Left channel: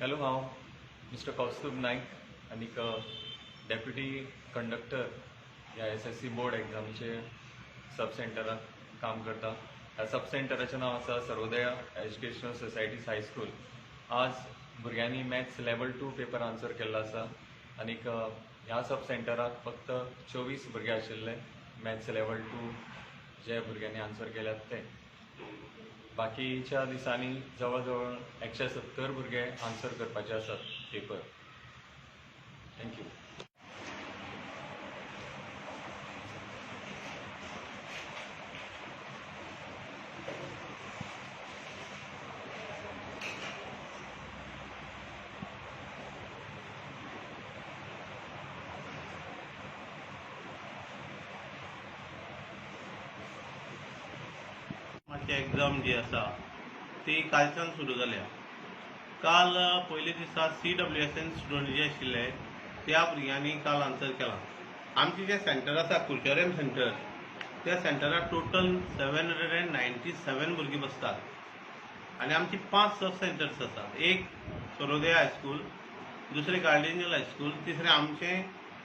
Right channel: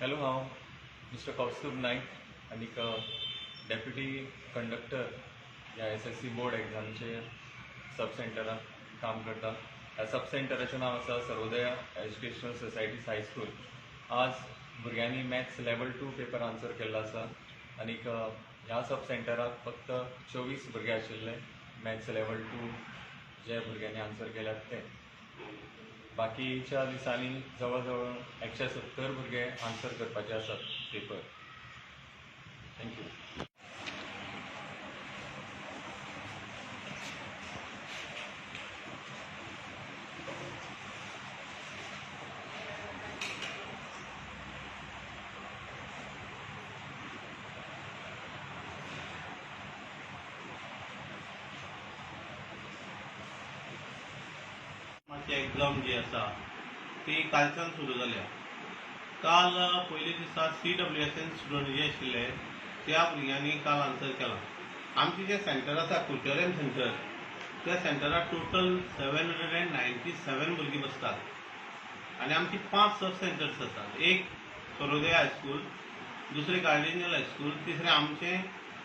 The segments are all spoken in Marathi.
हॅलो, हांव मिस्टर कौस्तुभ नाईक आनीक डेप्युटी कंडक्टर ह्या SSC बोर्ड एग्जामीचे सब सेंटरांत काम करता. ह्या सब सेंटराचें नांव आसा सर्वोदया एज्युकेशनल सोसायटीज हायस्कूल. आज भुरग्यांनी मॅथ्स लेवल 2 पेपर आन्सर केल्लो आसा आनीक ह्या सब सेंटराक फक्त 24 भुरगे आशिल्ले मॅथ्स लेवल 2 जे भुरग्यांनी आन्सर केल्यात ते. बाकीच्या दिसांनी जवळ जवळ 170 भुरगे आन्सर करपाचे आसात पेपर. थँक्यू. माझी एग्जाम जी आसा ती कालच्यान सुरू जाल्या. काल पयले दिसा CWSN स्टुडंट जे आशिल्ले त्या भुरग्यांनी काल आन्सर केला. आमचे जे सेंटर आसा कुचोरेम सेंटर, त्या सेंटराक टोटल 797 भुरगीं बसतात आनी आमची 5 सब सेंटर्स आसात. एक सर्वोदया हायस्कूल, दुसरे कार्डिनल हायस्कूल, तिसरे आमचे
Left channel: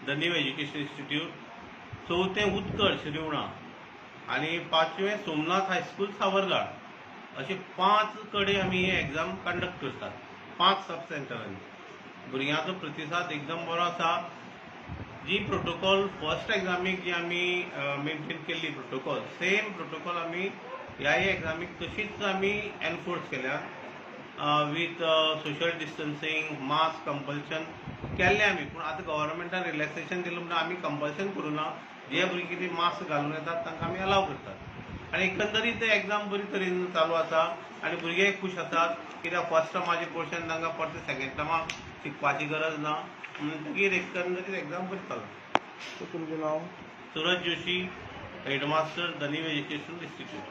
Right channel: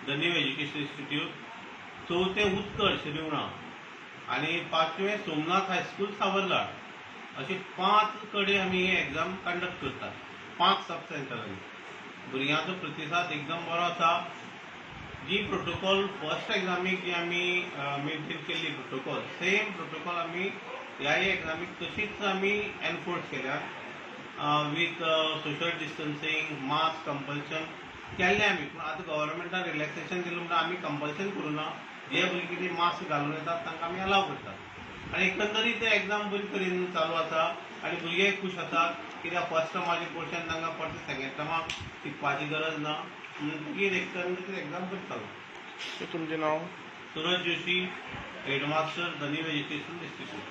द न्यू एज्युकेशन इन्स्टिट्यूट, चौथे उत्तर शिरिवणा आणि 5वें सोमनाथ हायस्कूल सावरलाड. असे 5 कडे आम्ही ही एग्जाम कंडक्ट करतात 5 सब सेंटरांनी. भुरग्यांचो प्रतिसाद एकदम बरो आसा. जी प्रोटोकॉल फर्स्ट एग्जामीक जी आम्ही मेंटेन केल्ली प्रोटोकॉल, सेम प्रोटोकॉल आम्ही ह्याय एग्जामीक तशीच आम्ही एनफोर्स केल्या. With social distancing, mask compulsion केल्लें आमी. पूण आतां गव्हर्मेंटान रिलॅक्सेशन दिलें म्हणून आमी कंपल्शन करूना. जे भुरगीं कितें मास्क घालून येतात तांकां आमी अलाव करतात. आनी एकंदरीत एग्जाम बरे तरेन चालू आसा आनी भुरगेय खूश आसात. कित्याक फर्स्ट टर्माचे क्वेश्चन तांकां परते सेकंड टर्माक शिकपाची गरज ना. म्हणटकीर एकंदरीत एग्जाम बरी चालू. तुमचें नांव? Suraj Joshi, headmaster the new education institute.